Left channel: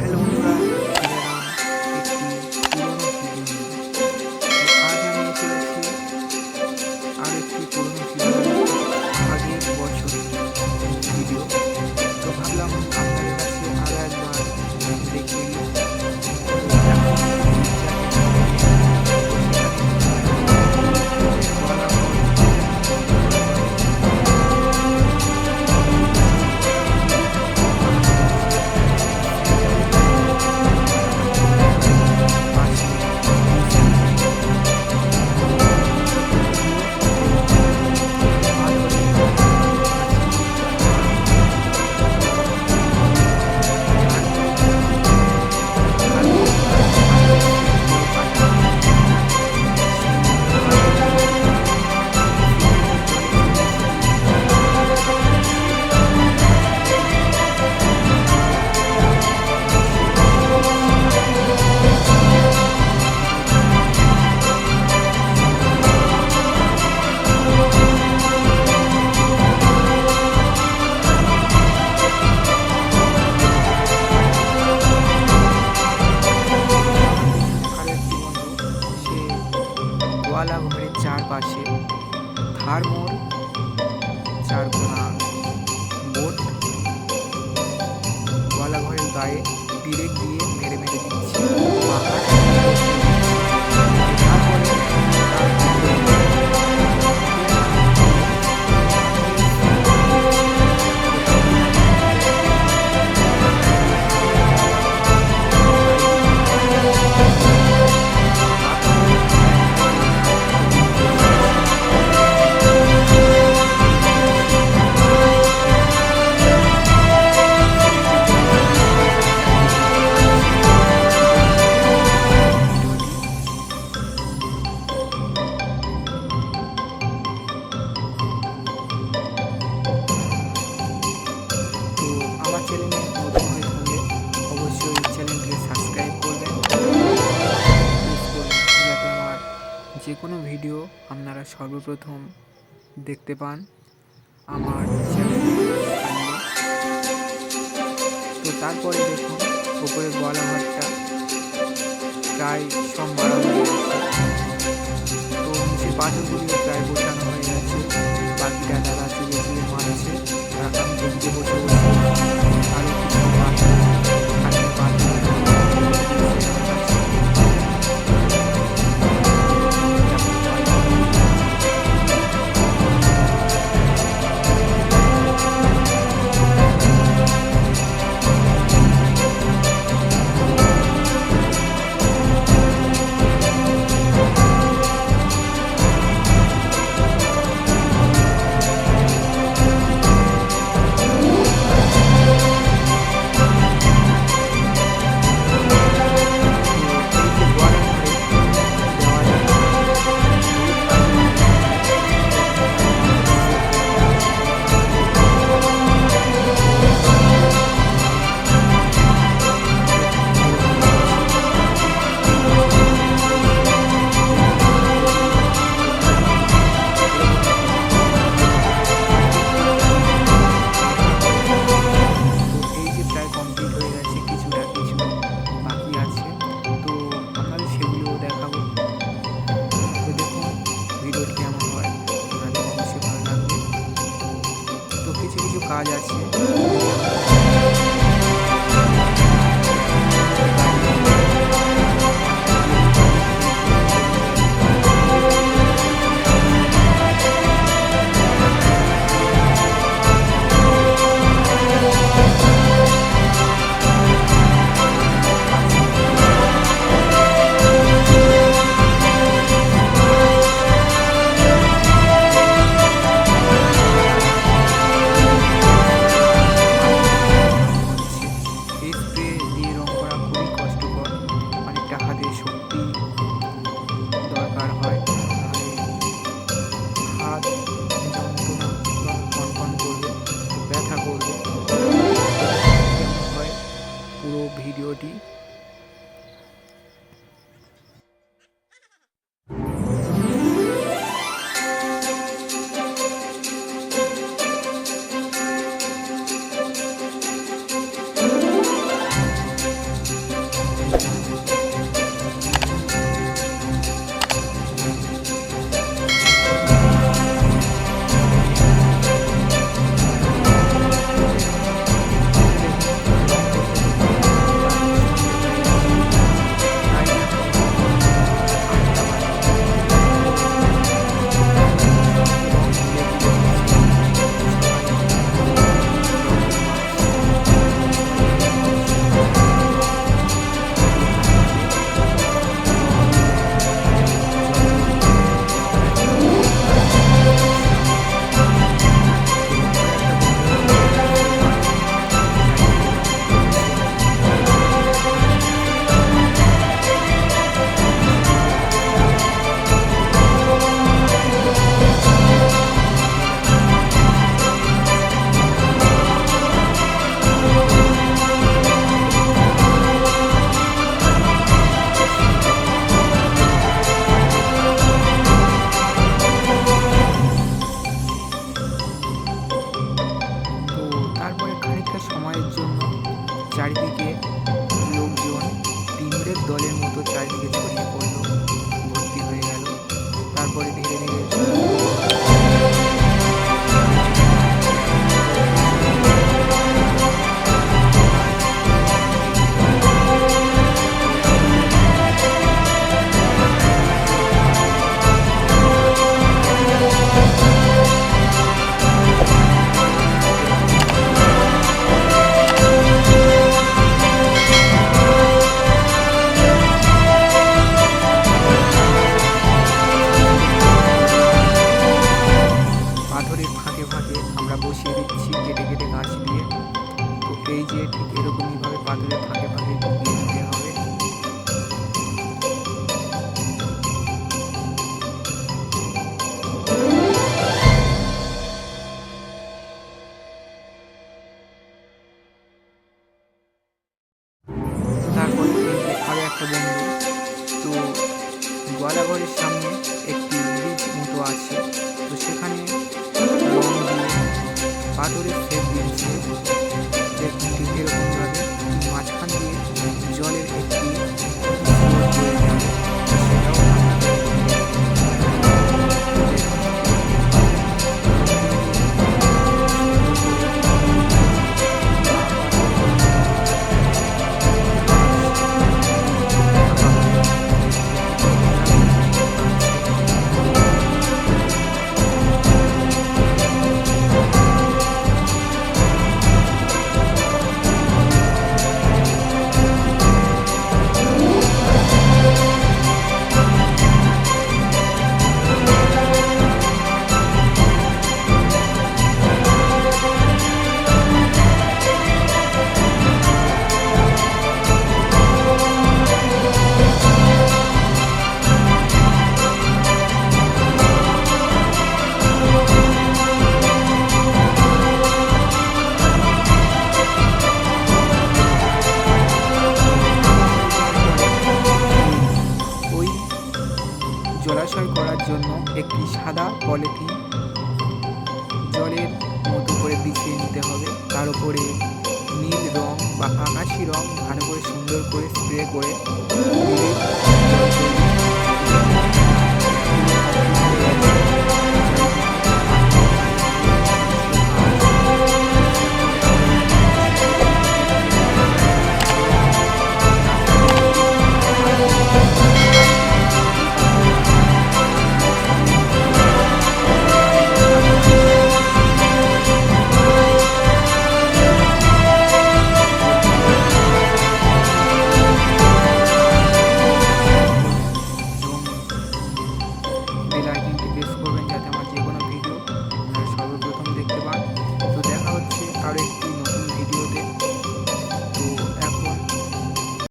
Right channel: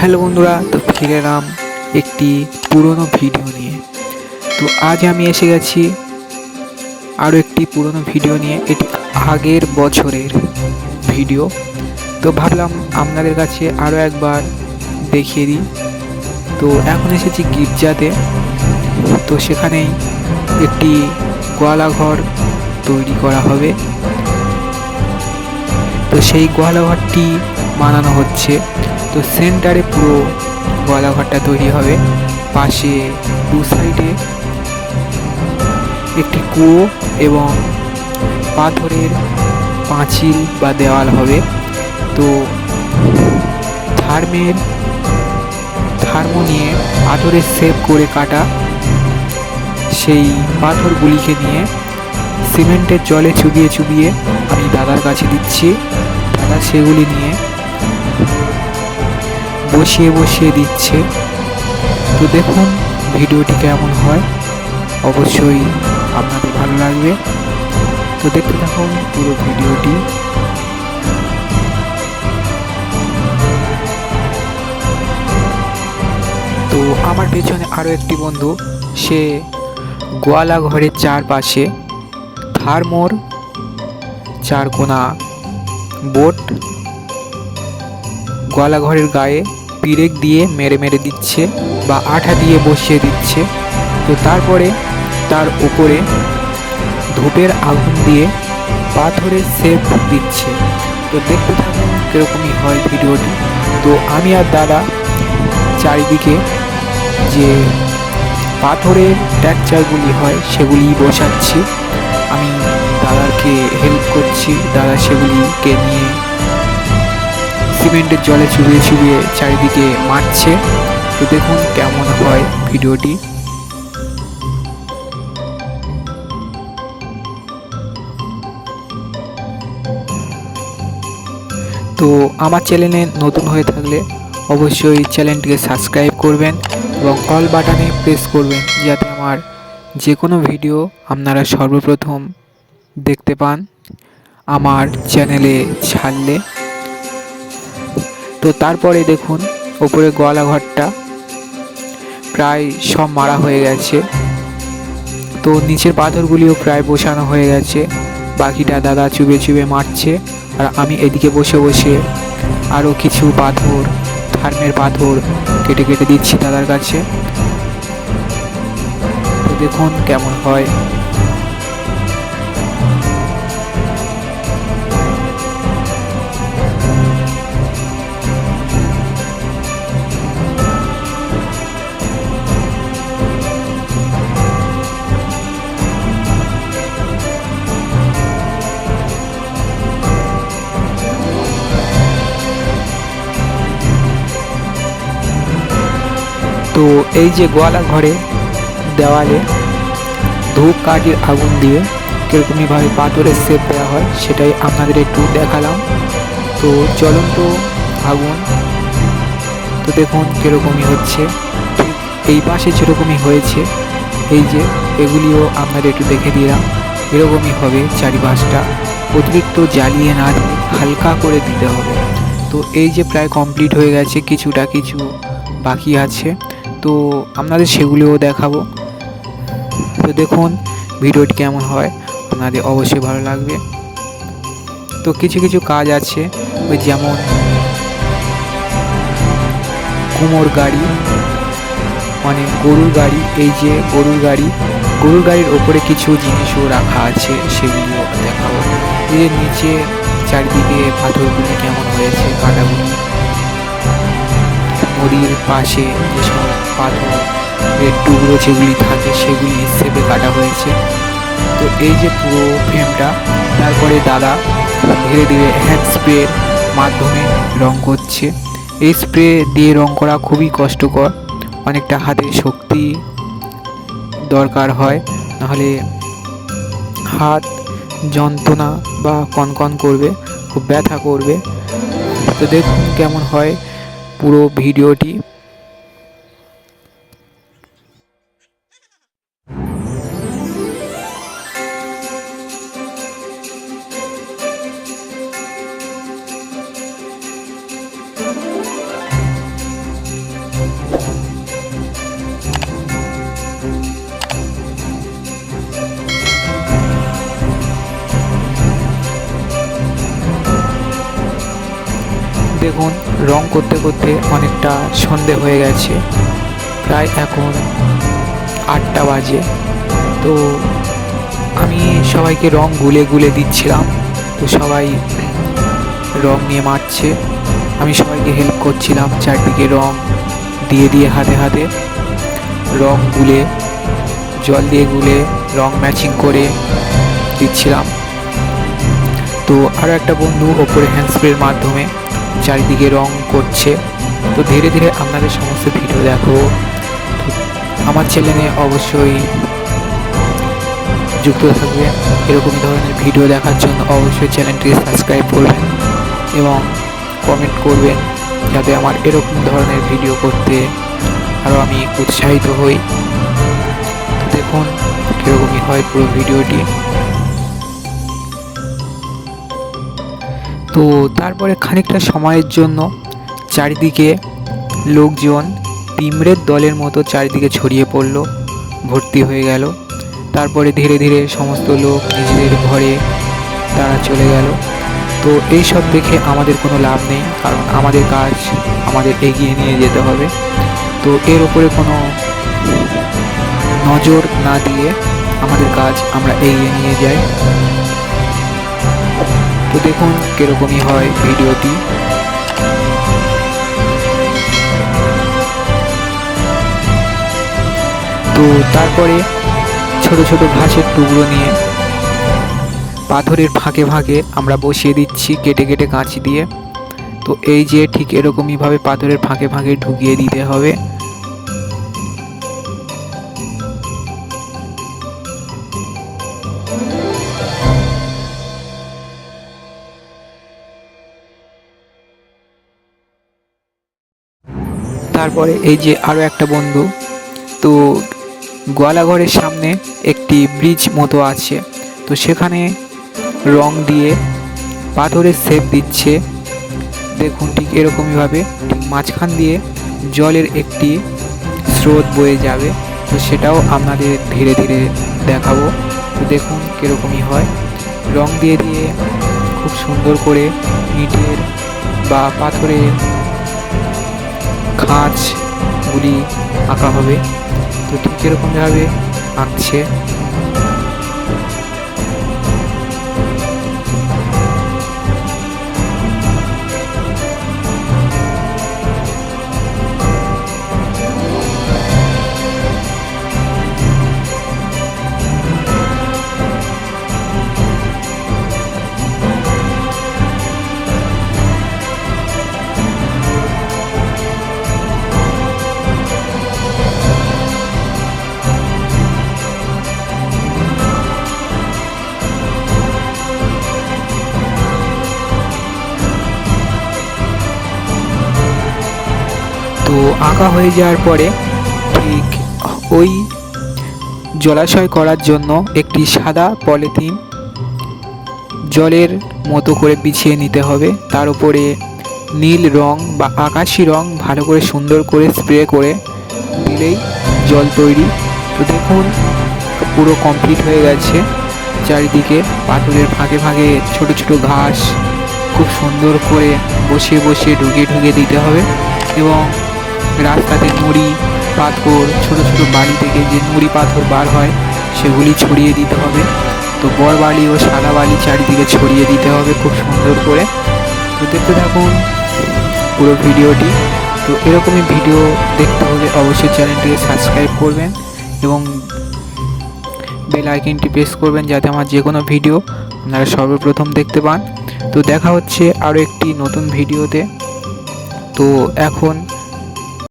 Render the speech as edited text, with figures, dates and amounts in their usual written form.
Hello বন্ধুরা, তো ফিরে এলাম একটি পুরনো ভিডিও নিয়ে। তো আজ আমি এসে গেছি আরও একটি পুরনো ভিডিও নিয়ে। এটি আগের বছরের ভিডিও। তো ভাবলাম আপনাদের কাছে আরও একবার দেখিয়ে দিই। তো এখন এসেছি গির্জাতে। তো সেখানেই একটি গোয়ালাঘর তৈরি করা হবে। তো সেই গোয়ালাঘরটি বানানো হচ্ছে। তো সেন্টারে পুরো গোয়ালাঘরটা তৈরি হবে। পাশে দু সাইডে একটি কুয়ো এবং পাথরের পাঁচিল বা দেওয়াল হবে। তো থার্মো নিয়ে পাথরের শেপ করে কাটা সেই পাথরগুলিকে নিয়ে সিমেন্টের জলে চুবিয়ে চুবিয়ে আমি দাদার কাছে দিচ্ছি। দাদা সেগুলি নিয়ে বসিয়ে বসিয়ে দিচ্ছে। তো দেখুন ভিডিওটি কেমন হয়, অবশ্যই আপনাদের ভালো লাগবে। তো দেখতে থাকুন পুরো ভিডিওটি। তো আমার পেছনে আরও একটি বন্ধু, সে গোয়ালা ঘরের চারপাশে থার্মোর চারকোনা বোট গোয়ালা ঘরের গায়ে পিরেক দিয়ে মেরে মেরে দিচ্ছে বা আঠা দিয়ে বসিয়ে দিচ্ছে। তো তারপরে তার উপরে ধূপের আগুন দিয়ে পাথরের শেপ দিচ্ছে। তো দেখতে থাকুন কীরকমই হয় ভিডিওটি। তো আমি আর দাদা চারিদিকে যে পাথরের ট্যাকচারগুলি হয় সেগুলি বসাচ্ছি। আমি দাদাকে হেল্প করছি। দাদা সেগুলিকে নিয়ে সিমেন্টের জলে চুবিয়ে চুবিয়ে চারিদিকে মারছে। তো দেখুন কেমন হয় ভিডিওটি। তো আমার চ্যানেলে নতুন হয়ে থাকলে অবশ্যই চ্যানেলটিকে সাবস্ক্রাইব করবেন এবং অল বাটনে প্রেস করবেন, যাতে আমার যে কোনো ভিডিও আপনারা সর্বপ্রথম দেখতে পান আমার চ্যানেলে ছাড়লে। তো তারপরে দেখুন ওপরে গোয়ালা ঘরটা প্রায় সব মারা হয়ে গেছে। তো নিচের পাথরগুলিও প্রায় বসানো হয়ে গেছে। বাকিটা দাদা চুবে চুবে মারছে, আর আমি এদিকে বসে বসে আরও কিছু পাথর, থার্মের পাথর কেটে কেটে দিচ্ছি দাদার কাছে। তো দেখুন কেমন হয়। তো এই যে গোয়ালা ঘরে দেওয়ালে ধূপ কাঠের আগুন দিয়ে কীরকমইভাবে পাথরের শেপ দেওয়া হয় সেটাই আপনাদের একটু দেখালাম। তো জ্বলন্ত আগুন, তো দেখুন কীরকমই হচ্ছে। এই পাশে যেরকমই হয়েছে, এই যে এগুলিও আপনাদের একটু দেখে দিলাম। এরকমই হবে চারিপাশটা, অতিরিক্ত জ্বালিয়ে না হালকা করে দিতে হবে। তো এই যে প্রায় কমপ্লিট হয়ে গেছে, কিছু বাকি আছে। তো আপনাদের সেগুলিও দেখাবো। তো দেখুন ভিডিওটি কেমন হয়, আপনাদের অবশ্যই ভালো লাগবে। তো কিছু কিছু কাজ আছে, ওই যেমন কুমোর গাড়ি, মানে গরুর গাড়ি। এই যে গরুর গাড়ির ওপরে কিছু জিনিসও রাখা আছে, সেগুলো দেখাবো। এর নিচে চারিদিকে পাথরগুলো কেমন হয়েছে কাটাগুলো, নদীর পাশে পাথরের টুকরো যেগুলি থাকে সেগুলি সেটে কাটা হয়েছে। তো এই যে পুরো ফ্রেমটা, তারপরে দাদা ধীরে ধীরে হ্যান্ড স্প্রের মাধ্যমে রং করছে। এই স্প্রে দিয়ে রং করা খুবই কষ্টকর, অনেকটা হাতের শক্তি দরকার হয়, নাহলে হাত যন্ত্রণা বা কনকন করবে, খুব ব্যথা করবে। তো দেখুন কেমন হয় পুরো ভিডিওটি। করতে করতে অনেকটা সন্ধে হয়ে গেছে, প্রায় এখন 8টা বাজে। তো আমি সবাইকে রং গুলে গুলে দিচ্ছিলাম। তো সবাই রং নিয়ে মারছে, আমি সবাইকে হেল্প করছিলাম, চারদিকে রং দিয়ে দিয়ে হাতে হাতে রং গুলে, জল দিয়ে গুলে রং ম্যাচিং করে দিচ্ছিলাম। তো আরও একটা বন্ধু ওপরে হ্যান্ড স্প্রের মাধ্যমে চারিদিকে রং করছে। তো ধীরে ধীরে আপনাদের সমস্ত ভিডিও দেখো। আমার চ্যানেলে অবশ্যই যুক্ত থাকবে। এরকম ধরনের ভিডিও দেখার জন্য অবশ্যই চ্যানেলটি সাবস্ক্রাইব করবেন এবং কমেন্ট করবেন, যাতে আমার এরকম ধরনের ভিডিও করতে আরও আমি উৎসাহিত হই। দেখুন কীরকমই হয় পুরো ভিডিওটি। তো তারপরে খানিকটা সময়ের জন্য চারিদিকে লোকজন পিঁমড়ের দলের মতো চারিদিকে ছড়িয়ে পড়লো, ভর্তি হয়ে গেল। তারপরে ধীরে ধীরে সমস্ত লোক নিজেদের ঘরে তারা চলে গেল। তো এইসব দেখে আমাদের কোনো লাভ নেই, কারণ আমাদের কাজ আমাদের এগিয়ে নিয়ে যেতে হবে। তো এর উপরে কোনো নজর না দিয়ে আমাদের কাজ আমরা এগিয়ে নিয়ে যাই। তো দেখুন কীরকমই হয় ভিডিওটি। তো তারপরে ছোট ছোট ঘাসের টুকরো নিয়ে পাথরের ফাঁকে ফাঁকে আমরা বসিয়ে দিচ্ছি কেটে কেটে কাঁচি দিয়ে। তো এই যে ঠিক এরকমইভাবে পাথরের ফাঁকে ফাঁকে ঢুকিয়ে দিতে হবে। তারপরে এই যে আরও একটা বন্ধু, তো গোয়ালাঘরের সামনে একটি ব্রিজ মতো আছে, তো সেখানে রং দিয়ে পাথরের শেপ দিচ্ছে। দেখুন ঠিক এরকমইভাবে ঠিক মাঝখান দিয়ে জলের একটি স্রোত বয়ে যাবে। তো সেটাও আপনাদের ধীরে ধীরে দেখাবো। তো দেখুন কীরকমই হয়, রং দিয়ে দিয়ে খুব সুন্দর করে ইটের বা পাথরের খাঁজগুলি আঁকা হবে। তো ঠিক এরকমভাবে আঁকছে। আঁকা হয়ে যাওয়ার পরে ঠিক ওই জলাশয় করার জন্য একটি সাদা পলিথিন জলের মতো করে বিছিয়ে নিতে হবে। তার উপরে নীল রং বা আকাশি রং ভালো করে সুন্দর করে স্প্রে করে দিলেই জল তৈরি। তো দেখুন পুরো কমপ্লিট হয়ে গেছে। চারিদিকে পাথরের ফাঁকে ফাঁকে ছোট ছোট ঘাস খুব সুন্দর করে বসিয়ে বসিয়ে ঢুকিয়ে ঢুকিয়ে দিতে হবে। এবং রাস্তাতে নুড়ি পাথর, ছোটো ছোটো বাড়ি থেকে যে নুড়ি পাথর বার হয় সেগুলি ছড়িয়ে দিতে হবে। তো বড় বালি ও সাদা বালি চারিদিকে ছড়িয়ে দিতে হবে খুব সুন্দর করে। তো দেখতে থাকুন পুরো ভিডিওটি। তো এরকমই ভিডিও দেখতে হলে অবশ্যই চ্যানেলটিকে সাবস্ক্রাইব করবেন এবং বেল আইকনটি প্রেস করবেন, যাতে আমার যে কোনো ভিডিও আপনারা সর্বপ্রথম দেখতে পান। তো দেখা হচ্ছে আরও একটি নতুন ভিডিওতে। তো এখন